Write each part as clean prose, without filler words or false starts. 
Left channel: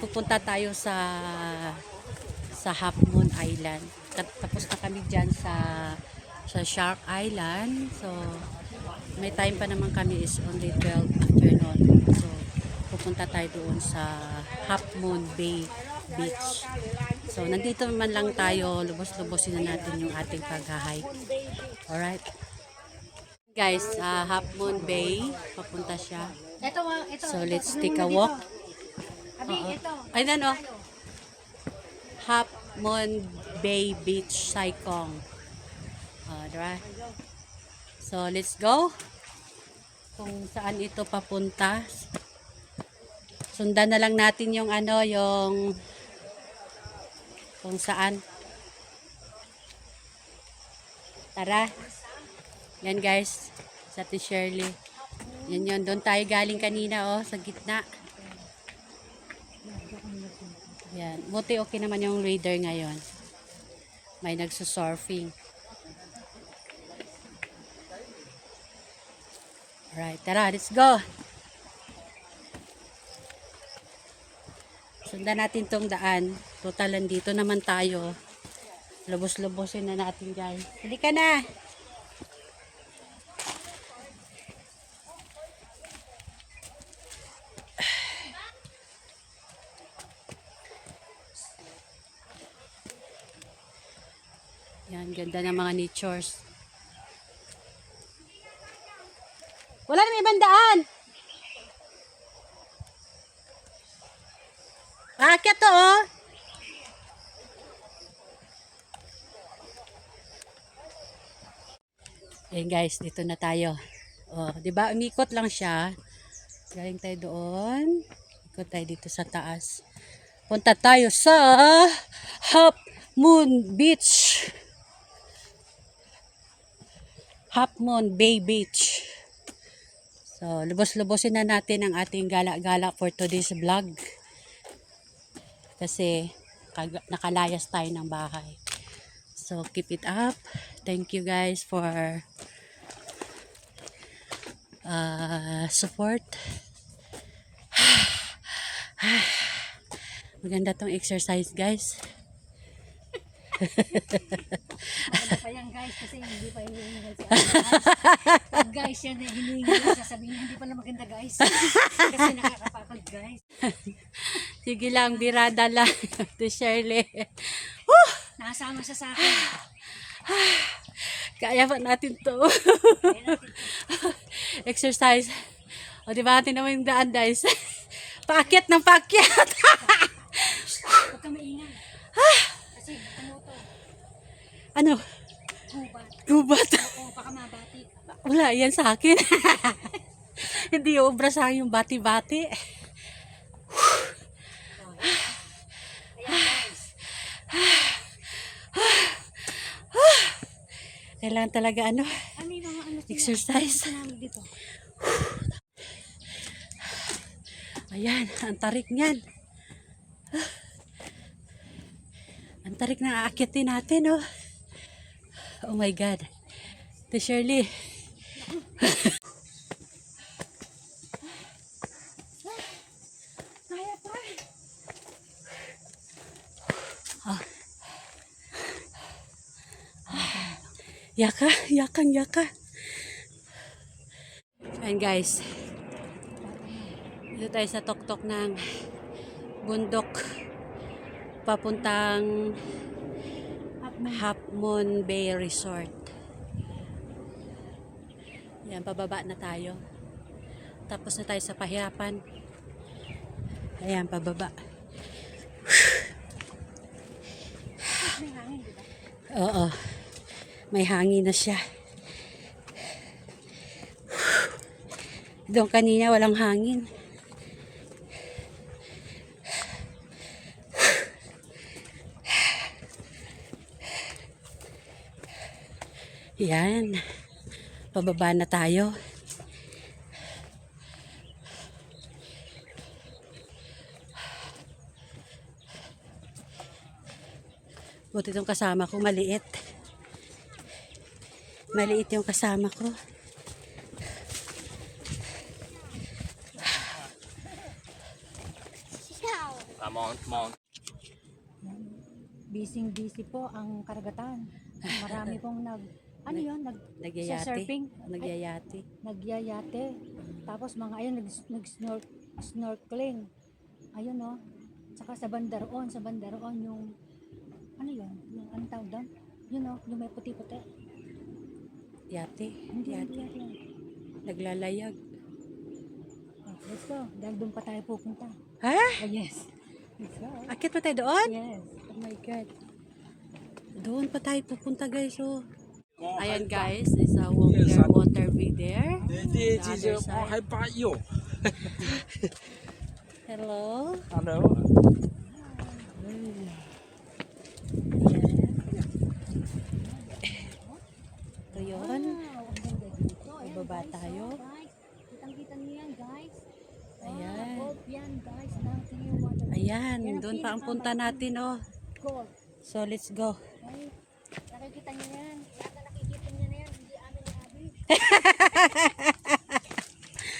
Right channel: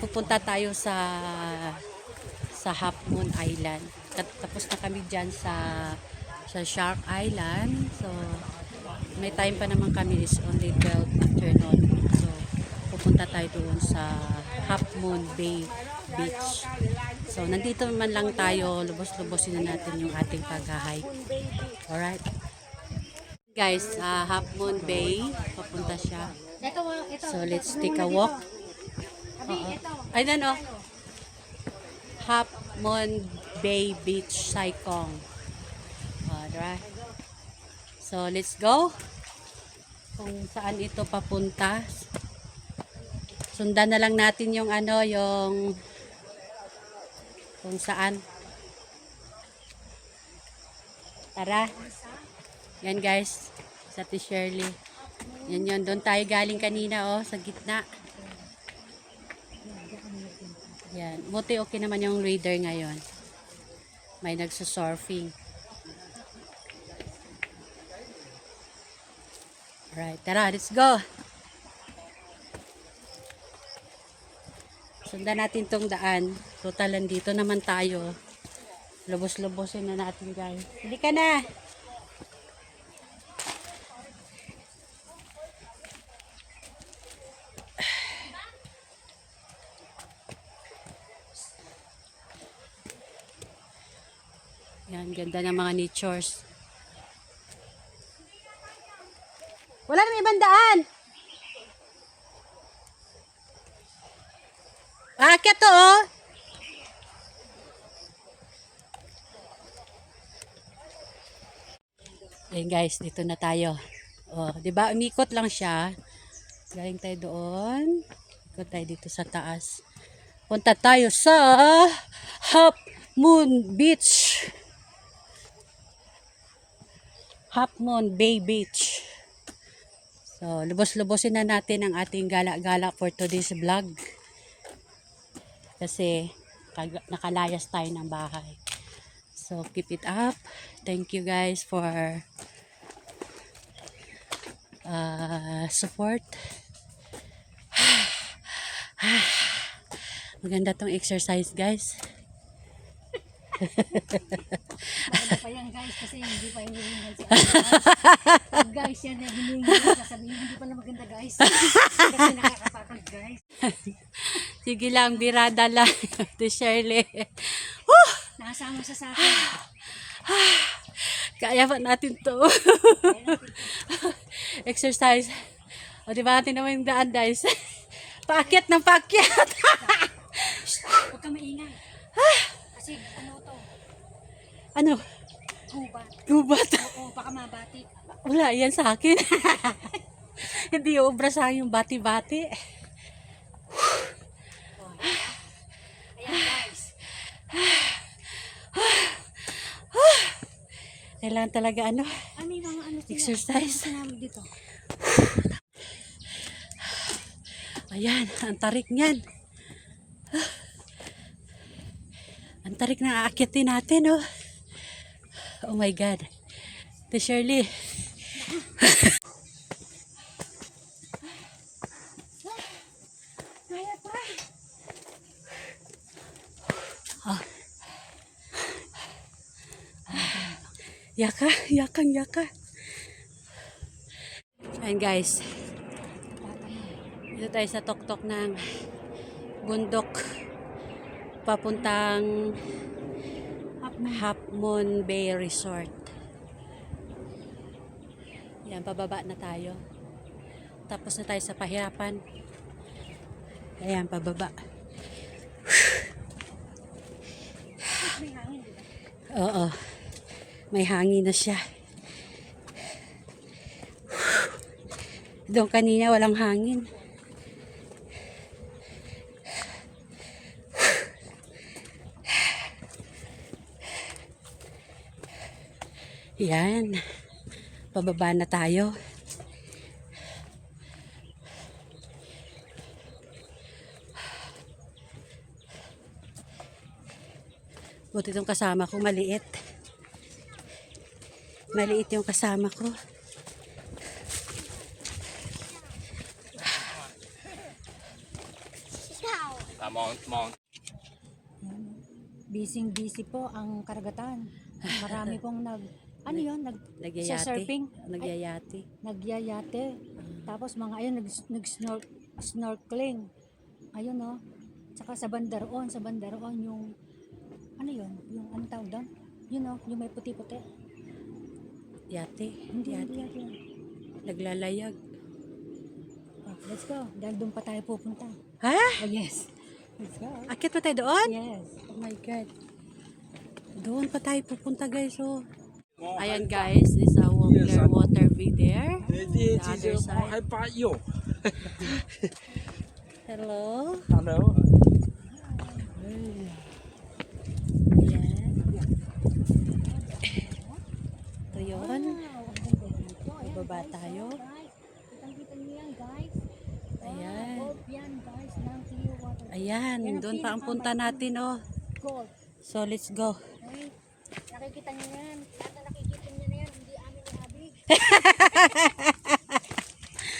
pupunta tayo sa Half Moon Island. Tapos na kami dyan sa Shark Island. So, may time pa naman kami, is only 12 afternoon. So, pupunta tayo doon sa Half Moon Bay Beach. So, nandito man lang tayo, lubos-lubosin na natin yung ating pag-hike. Alright. Guys, Half Moon Bay, papunta siya. So, let's take a walk. Ayan o. Half Moon Bay Beach, Saikong. Diba? So, let's go. Kung saan ito papunta. Sundan na lang natin yung yung kung saan. Tara. Yan guys. Sa Ate Shirley. Yan yun. Doon tayo galing kanina sa gitna. Yan. Buti okay naman yung radar ngayon. May nagsusurfing. Alright. Tara. Let's go. Sundan natin tong daan. Total, dito naman tayo. Lubos-lubosin na natin guys. Hindi ka na. Yan, ganda ng mga natures. Wala na ibang daan. Aakyat to Ayan guys, dito na tayo. Di ba umikot lang siya. Galing tayo doon. Ikot tayo dito sa taas. Punta tayo sa Half Moon Beach. Half Moon Bay Beach. So, lubos-lubosin na natin ang ating gala-gala for today's vlog. Kasi nakalayas tayo ng bahay. So, keep it up. Thank you guys for support. Maganda tong exercise guys. Maganda pa yan guys kasi hindi pa hinihingal sa guys. Guys yan na hinihingal, sasabihin hindi pala maganda guys. Kasi nakakapakal guys. Sige lang, birada lang. To Shirley. Nakasama sa akin. Kaya pa natin to. Exercise. O diba natin naman yung daan guys. Paakyat ng paakyat. Huwag ka maingay. Kasi ano to? Ano? Gubat. Gubat. Oo, baka mabatik. Wala, yan sa akin. Hindi obra sa yung bati-bati. Ayan guys. Kailangan talaga exercise. Dito. Ayan, ang tarik niyan. Ang tarik na aakyatin natin, Oh my God. To Shirley. Kaya pa. Yaka. Ayan guys. Dito tayo sa tuktok ng bundok. Papuntang Half Moon Bay Resort. Yan, pababa na tayo. Tapos na tayo sa pahirapan. Ayan, pababa. May hangin, di ba? Oo. May hangin na siya. Doon kanina walang hangin. Yan. Pababa na tayo. Buti itong kasama ko maliit. Maliit yung kasama ko. Busy po ang karagatan. Marami pong ano yun, Nagyayate. surfing, Nagyayate. nagyayate. Tapos mga ayun, snorkeling. Ayun oh. Tsaka sa Bandaroon yung, ano yun, yung ano tawag doon? Yun oh, yung may puti-puti. Yate. Hindi, Yate. hindi. Naglalayag. Oh, let's go. Dahil doon pa tayo pupunta. Ha? Oh, yes. Let's go. Akit pa tayo doon? Yes. Oh my God. Doon pa tayo pupunta guys. Oh. Ayan guys, is a water view there. The other side. Hello. Hello. Ayan. Ito yun. Wow, ang ganda dito. Ayan, Bababa guys, tayo. oh, guys. Kitang-kita niyo yan, guys. Ayan. Gold yan, guys. Ng Clearwater. Ayan, Yan ang doon pa ang punta pinakamalaking natin oh. Gold. So let's go. Okay? Nakikita niyo yan. Lahat na nakikita niyo na yan. Hindi amin nabi.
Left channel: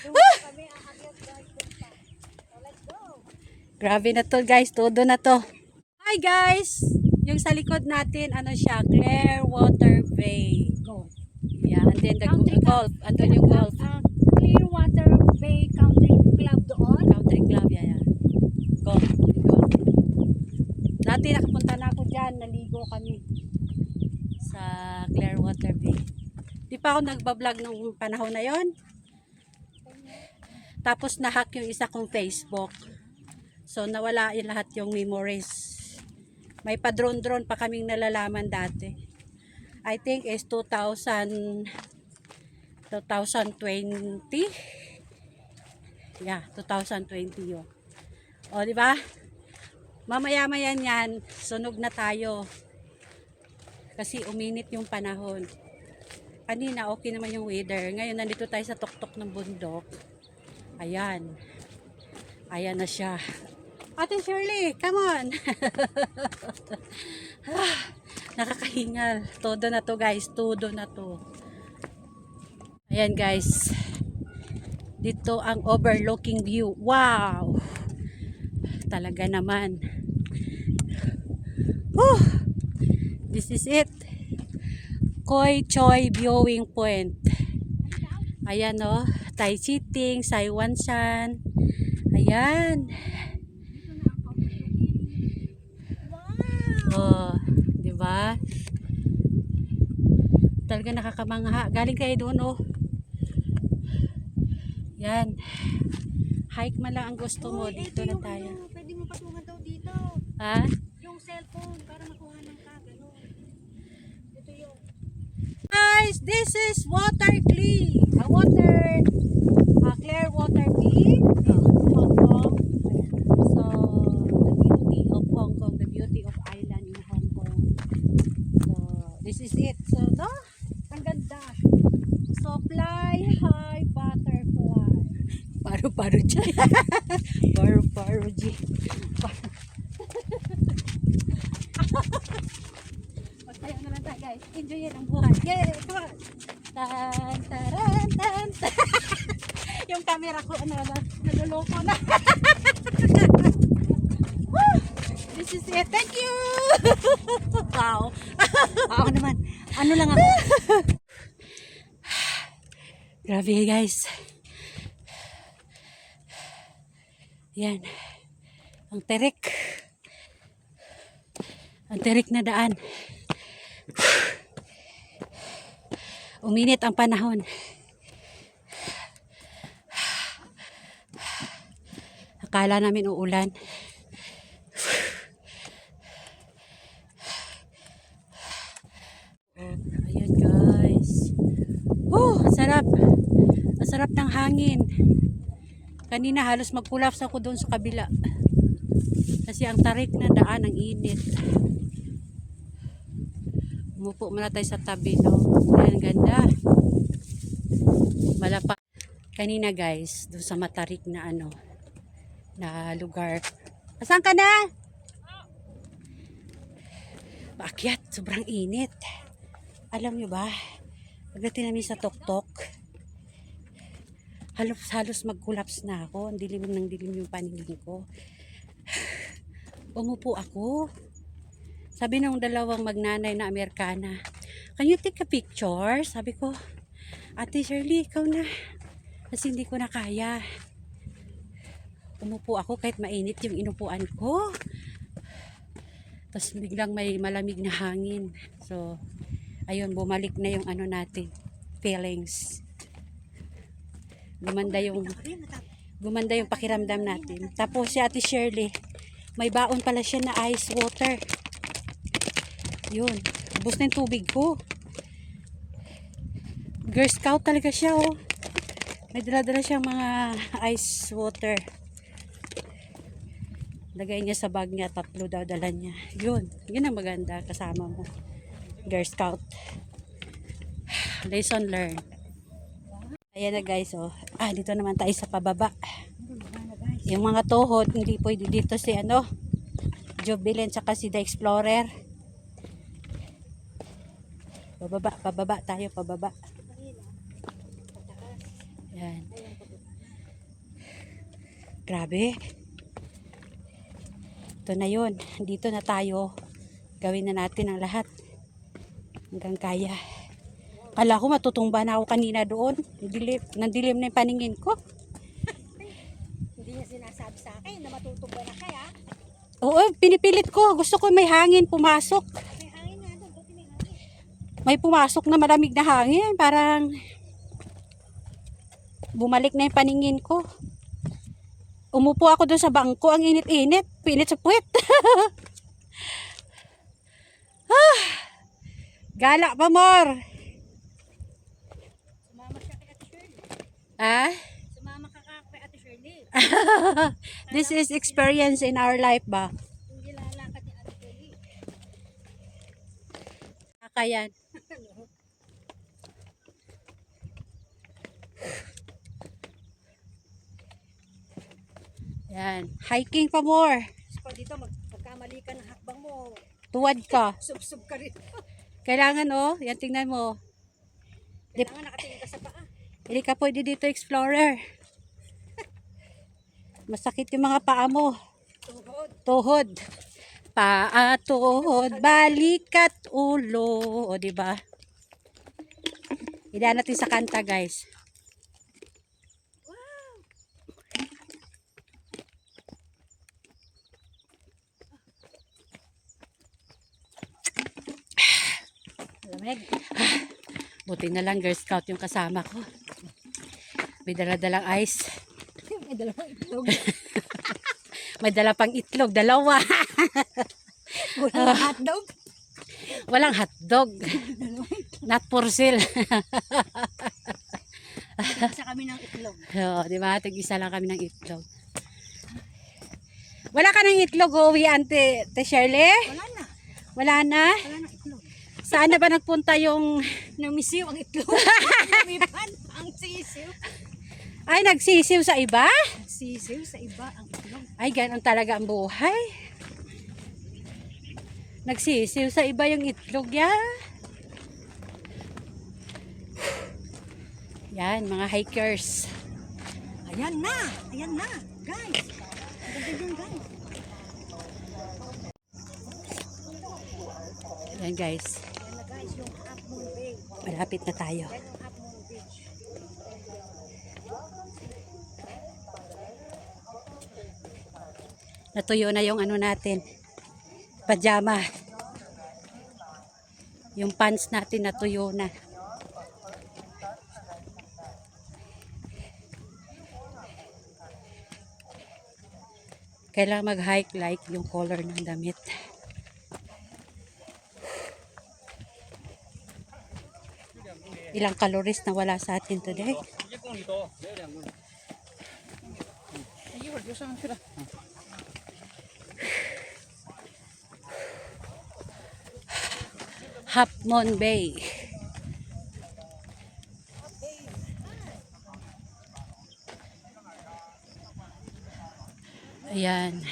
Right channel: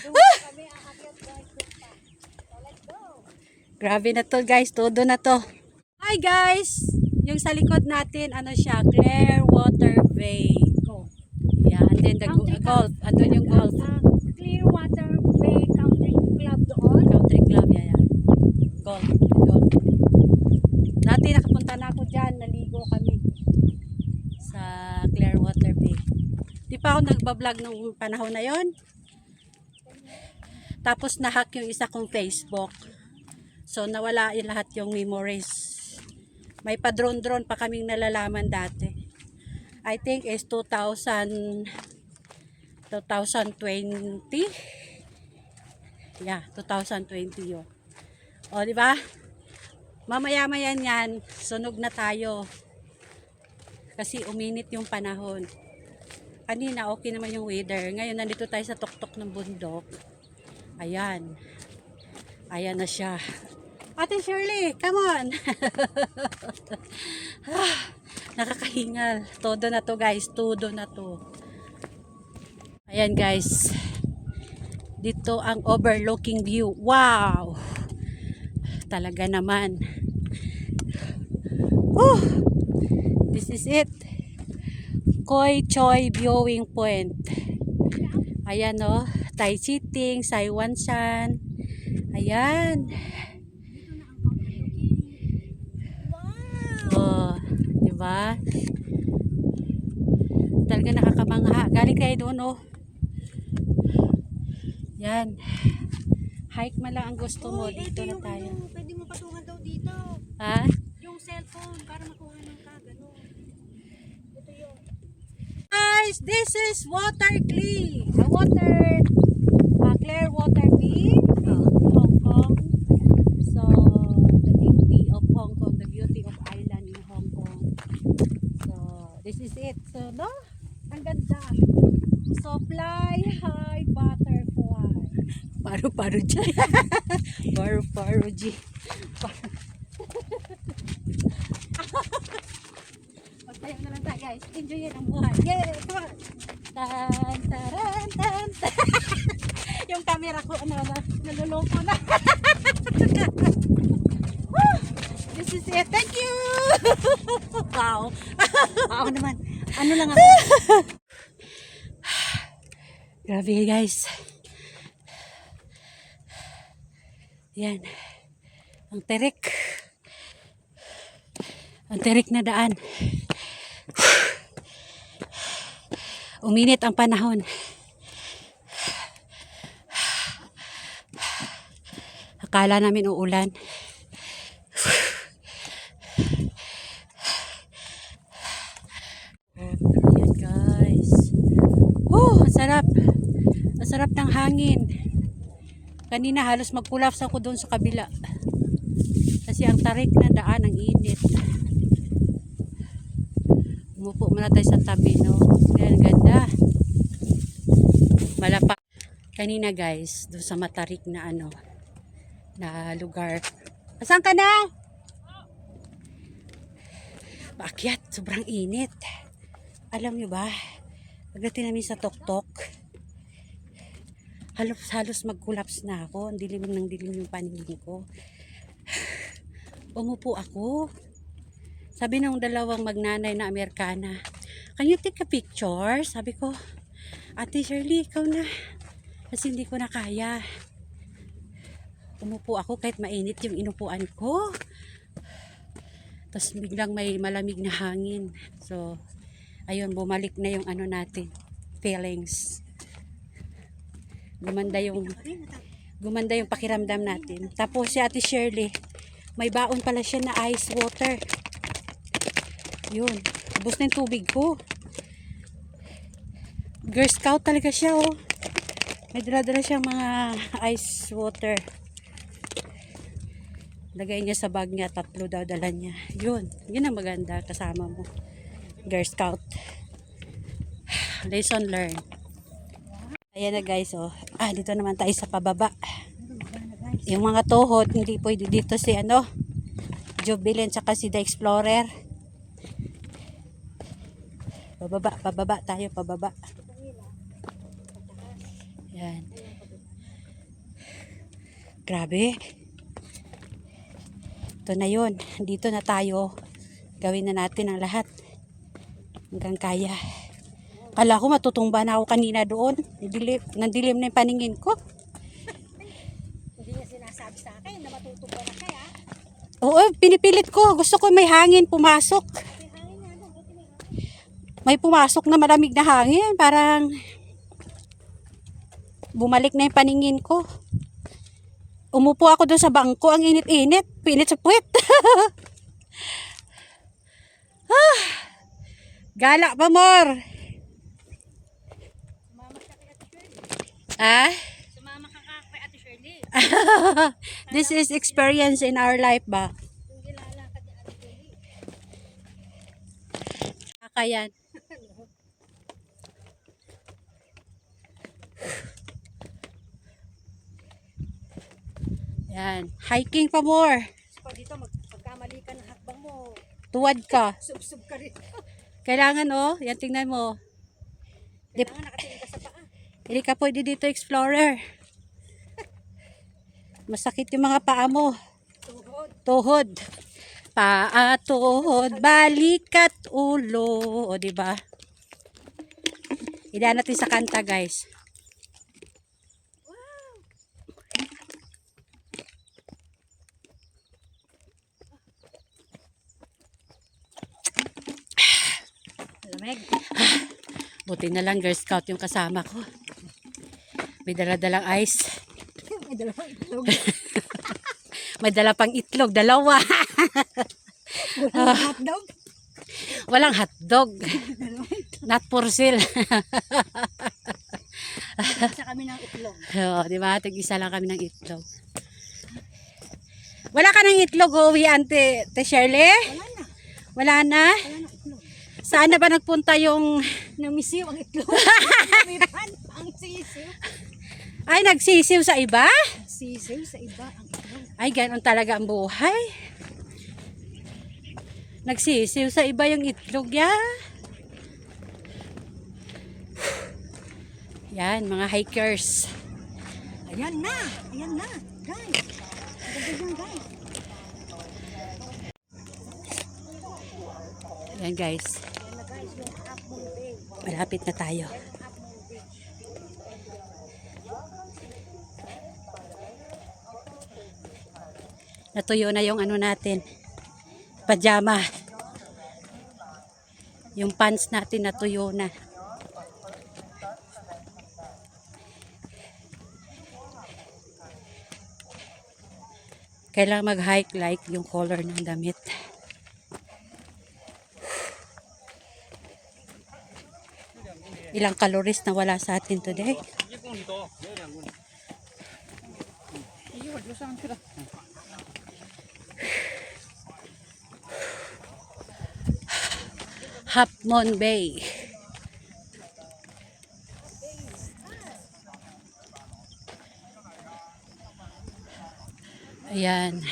Doon pa kami aakyat, guys. Doon pa. So, let's go. Grabe na to guys, todo na to. Hi guys! Yung sa likod natin, ano siya, Clearwater Bay. Go. Yeah, and then the golf. Andun yung golf. Clearwater Bay Country Club doon. Country club, yeah. Golf. Golf. Dati nakapunta na ako dyan, naligo kami sa Clearwater Bay. Di pa ako nagbablog nung panahon na yon. Tapos nahack yung isa kong Facebook. So nawala yung lahat yung memories. May pa-drone pa kaming nalalaman dati. I think is 2020. Yeah, 2020 yun. O, di ba? Mamaya-maya yan, sunog na tayo. Kasi uminit yung panahon. Kanina, okay naman yung weather. Ngayon, nandito tayo sa tuktok ng bundok. Ayan. Ayan na siya. Ate Shirley, come on! Nakakahingal. Todo na to guys. Todo na to. Ayan guys. Dito ang overlooking view. Wow! Talaga naman. This is it. Koi Choi Viewing Point. Ayan o. Tai Chiting, Saiwan Shan. Ayan. Oh, di ba? Talaga nakakamangha. Galing kayo doon, oh. Yan. Hike man lang ang gusto mo. Dito na tayo. Pwede mo patungan daw dito. Ha? Yung cellphone para makuha ng kagano. Ito yun. Guys, this is Water Clee. Clearwater Bay in Hong Kong. So, the beauty of Hong Kong, the beauty of island in Hong Kong. So, this is it. So, no? Ang ganda. So, fly high butterfly. Paru-paro dyan. Paru-paro dyan. Magtayo na lang tayo guys. Enjoy yan ang buhay. Yay! Come on! Tan, taran, tan, tan. Yung camera ko, naluloko na. Woo! This is it. Thank you! Wow! Ako naman. Ano lang ako? Grabe guys. Yan. Ang terik. Ang terik na daan. Uminit ang panahon. Akala namin uulan. Oh, ayan guys. Oh, ang sarap. Ang sarap ng hangin. Kanina halos mag-collapse ako doon sa kabila. Kasi ang tarik na daan, ang init. Umupo muna tayo sa tabi, no? Ayan, ganda. Malapa. Kanina guys, doon sa matarik na na lugar. Saan ka na? Paakyat, sobrang init. Alam nyo ba, pagdating namin sa tuktok, halos mag-collapse na ako. Ang dilim ng dilim yung paningin ko. Umupo ako. Sabi ng dalawang magnanay na Amerikana, "Can you take a picture?" Sabi ko, "Ate Shirley, ikaw na." Kasi hindi ko na kaya. Umupo ako kahit mainit yung inupuan ko. Tapos biglang may malamig na hangin. So, ayun, bumalik na yung ano natin, feelings. Gumanda yung pakiramdam natin. Tapos si Ate Shirley, may baon pala siya na ice water. Yun, ubos na yung tubig ko. Girl Scout talaga siya, oh. May dala-dala siyang mga ice water. Lagay niya sa bag niya, 3 daw dala niya. Yun ang maganda kasama mo. Girl Scout. Lesson learned. Ayan na guys, oh. Dito naman tayo sa pababa. Yung mga tuhod, hindi pwede dito si Jubilin tsaka si The Explorer. Pababa tayo, pababa. Yan. Grabe. Ito na yun. Dito na tayo. Gawin na natin ang lahat. Hanggang kaya. Kala ko matutumba na ako kanina doon. Nandilim na yung paningin ko. Hindi niya sinasabi sa akin na matutumba na kaya. Oo, pinipilit ko. Gusto ko may hangin pumasok. May hangin nga doon, buti may hangin. May pumasok na malamig na hangin. Parang bumalik na yung paningin ko. Umupo ako doon sa bangko. Ang init-init. Pinit sa puwet. Gala pa, more. Sumama siya kay Ate Shirley. Sumama ka kay Ate Shirley. This is experience in our life ba? Hindi lalakad ni Ate Shirley. Kakayan. Yan. Hiking pa more. Pag dito, pagkamali ka ng hakbang mo, Tuwad ka. sub-sub ka rin. Kailangan yan tingnan mo. Kailangan nakatingin ka sa paa. Hindi ka pwede dito explorer. Masakit yung mga paa mo. Tuhod. Tuhod. Paa, tuhod, balikat, ulo. O, diba? Idaan natin sa kanta, guys. Lamig. Buti na lang Girl Scout yung kasama ko. May dala-dalang ice. May dalawang itlog. May dala pang itlog, 2. Walang hotdog. Walang hotdog. Not for sale. Isa kami ng itlog. Oo, di ba? Tig-isa lang kami ng itlog. Wala ka ng itlog, uwi, Ante Shirley? Wala na. Wala na? Wala na itlog. Saan na ba nagpunta yung... Namisiw ang itlog. Namipan ang sisiw. Ay, nagsisiw sa iba? Sisiw sa iba ang itlog. Ay, ganoon talaga ang buhay. Nagsisiw sa iba yung itlog yan. Yan, mga hikers. Ayan na. Ayan na. Guys. Ang ganda yan, guys. Yan guys, Ayan na guys, yung Half Moon Bay. malapit na tayo. Ayan yung Half Moon Bay. Natuyo na yung natin, pajama. Yung pants natin natuyo na. Kailangan mag-hike like yung color ng damit. Ilang calories na wala sa atin today. Half Moon Bay. Ayan.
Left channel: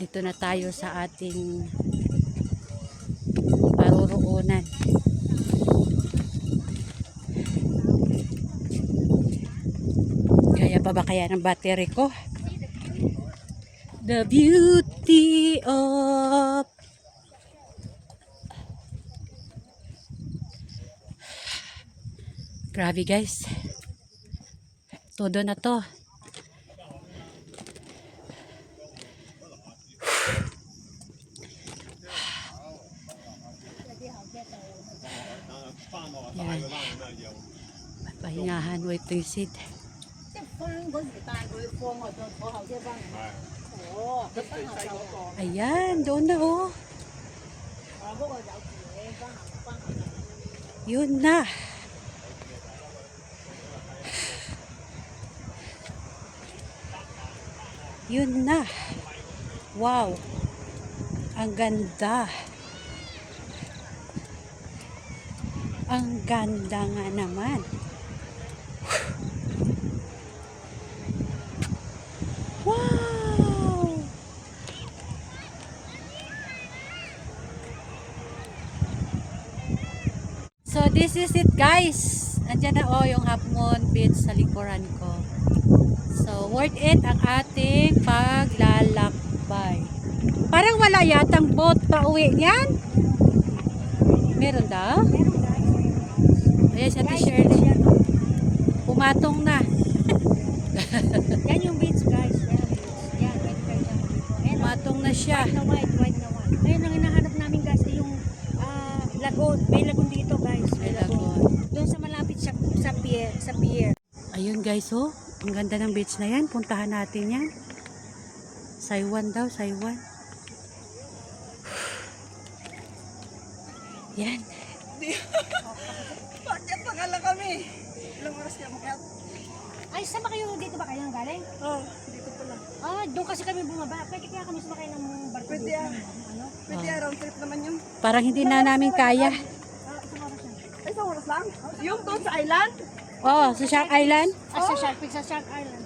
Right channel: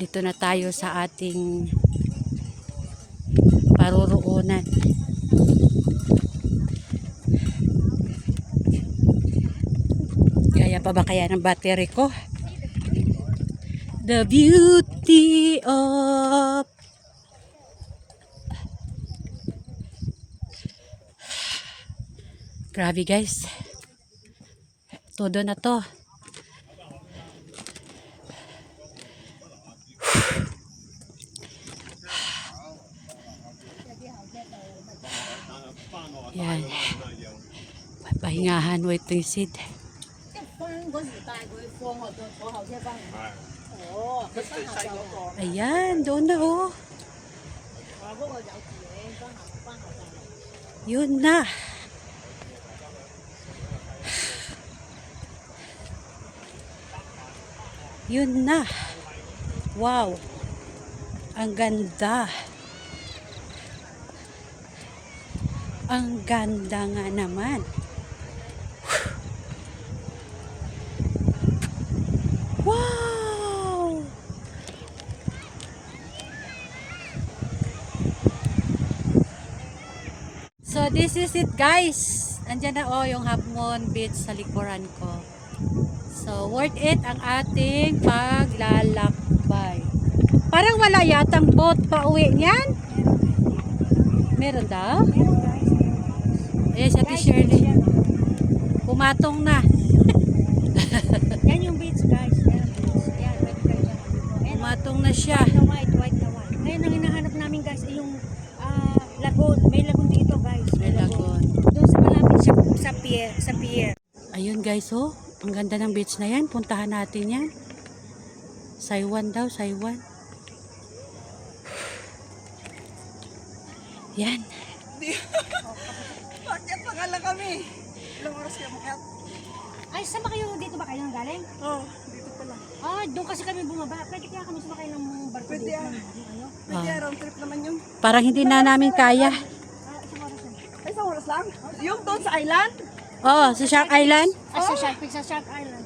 Dito na tayo sa ating paruroonan. Kaya pa ba kaya ng battery ko? The beauty of grabe guys. Todo na to. Yan. Pahingahan, wait to sit. Ayan, doon na oh. Yun na. Yun na. Wow. Ang ganda. Ang ganda nga naman. Wow! So this is it guys. Andiyan na oh yung Half Moon Beach sa likuran ko. So worth it ang ating paglalakbay. Parang wala yatang boat pa uwi niyan. Meron daw? Meron guys. Ayan sa Guys, t-shirt. beach yan. Oh. Pumatong na. Yan yung beach guys. Yan ang beach. Yan, pwede kayo dyan maligo. Ayan, oh. Pumatong na siya. White na white, white na white. Ngayon ang hinahanap namin guys ay yung lagoon. May lagoon dito guys. May lagoon. Doon sa malapit siya sa pier. Sa pier. Ayun guys oh. Ang ganda ng beach na yan. Puntahan natin yan. Saiwan daw, Saiwan. Yan. Bakit pangala kami? Ilang oras kaya makiat? Ay, sama kayo dito ba kayo nang galing? Oo, dito pala. Doon kasi kami bumaba. Pwede kaya kami sumakay ng barko Pwede dito. ah. Ano? Pwede round trip naman yun. Parang hindi na namin kaya. Isang oras lang. Ay, isang oras lang? Yung doon sa island? Oh, si Shark Island. Sa Shark Island.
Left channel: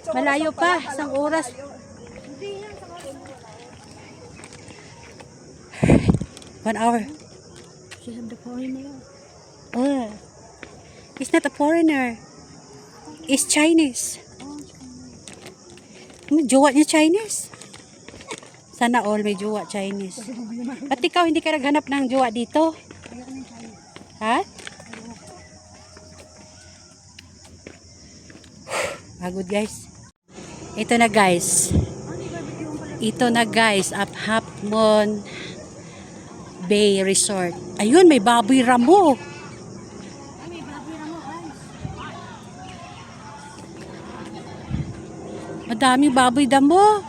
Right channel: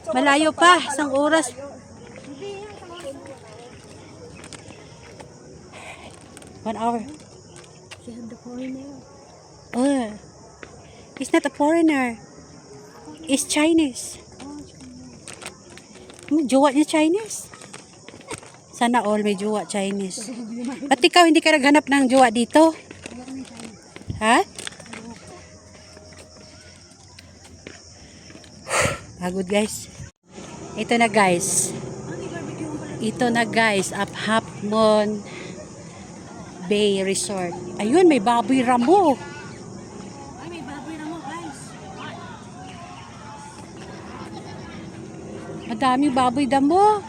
So, Malayo oras pala, pa, isang oras. malayo. Hindi yan, isang oras lang. 1 hour. She's on the foreigner. Oh. He's not a foreigner. He's Chinese. May jowa niya Chinese. Sana all may jowa Chinese. Ba't ikaw hindi ka naghanap ng jowa dito? Ayoko ng China. Ha? Pagod guys. Ito na guys. May barbecue yung pala. Ito na guys. At Half Moon Bay Resort. Ayun, may baboy ramo. Ay, may baboy na mo guys. Madami baboy damo.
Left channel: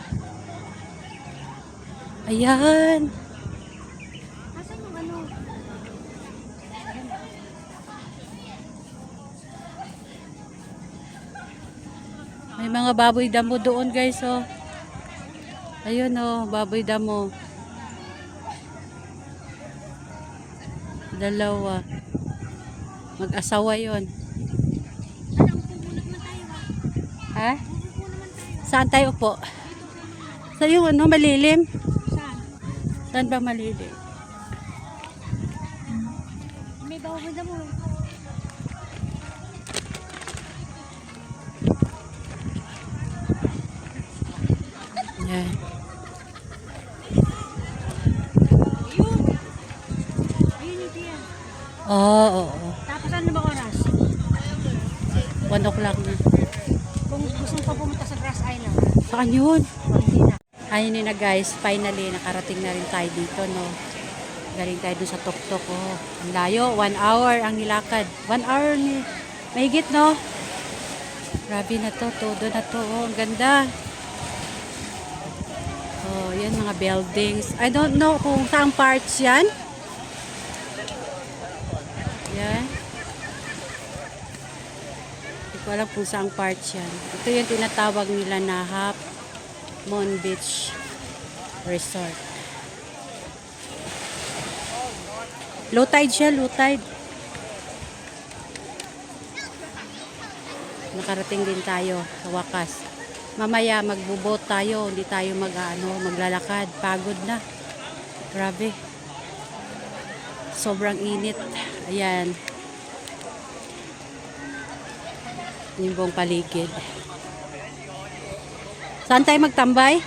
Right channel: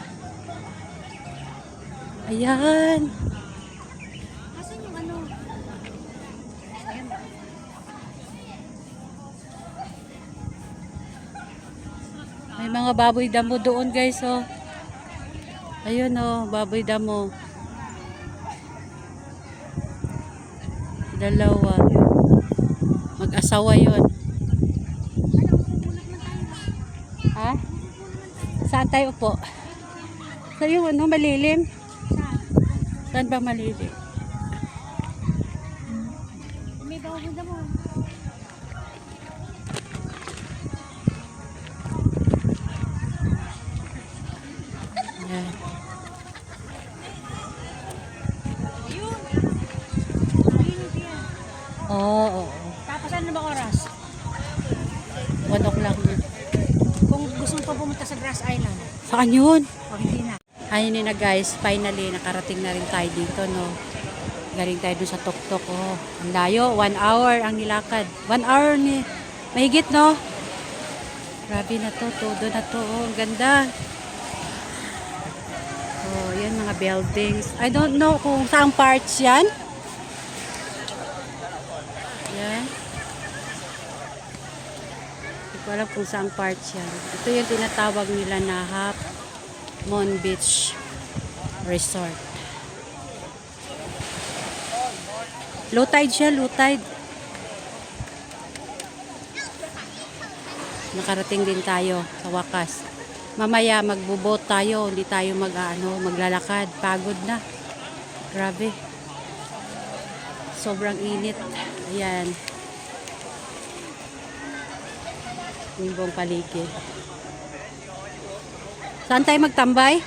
Ayan. Asan yung ano? Ayan. May mga baboy damo doon guys oh. Ayun oh, baboy damo. Dalawa. Mag-asawa yon. Ha? Saan tayo po? So yung ano, malilim? Saan ba malilim? May baboy na mo. Ayan. Ayun yung pier. Oo, oo. Tapos ano ba oras? 1 o'clock na. Kung gusto mo pa pumunta sa Grass Island. Saan yun? Hindi na. Ayun na guys, finally nakarating na rin tayo dito no. Galing tayo dun sa tuktok oh. Ang layo, 1 hour ang nilakad. 1 hour ni mahigit no. Grabe na to, todo na to oh. Ang ganda. Oh, yan mga buildings. I don't know kung saang parts yan. Yan. Hindi ko alam kung saang parts yan. Ito yung tinatawag nila na Half Moon Beach Resort. Low tide siya, low tide. Nakarating din tayo sa wakas. Mamaya magbubot tayo, hindi tayo maglalakad. Pagod na. Grabe. Sobrang init. Ayan. Yung buong paligid. Saan tayo magtambay?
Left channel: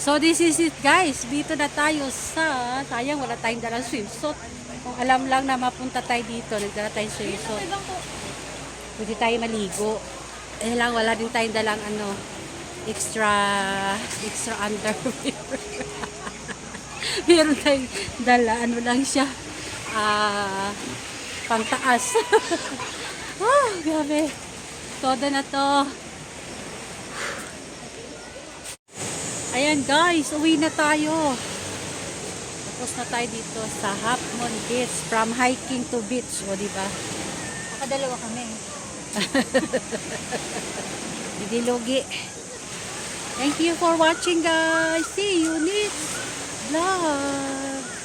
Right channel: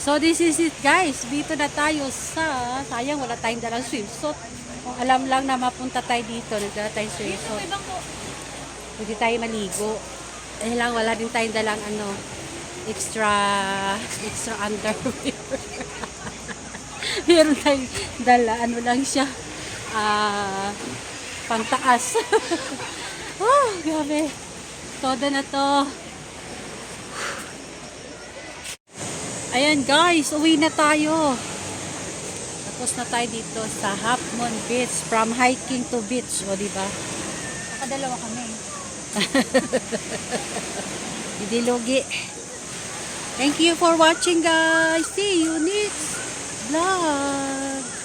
So this is it guys. Dito na tayo sa, sayang wala tayong dalang swimsuit. Kung alam lang na mapunta tayo dito, nagdala tayong swimsuit. Hindi tayo maligo. Eh lang, wala din tayong dalang ano, extra underwear. Meron tayong dala, ano lang siya, pantaas. Oh, grabe. Todo na to. Ayan guys, uwi na tayo. Tapos na tayo dito sa Half Moon Beach. From hiking to beach, o diba? Nakadalawa kami. Hindi lugi. Thank you for watching guys. See you next vlog.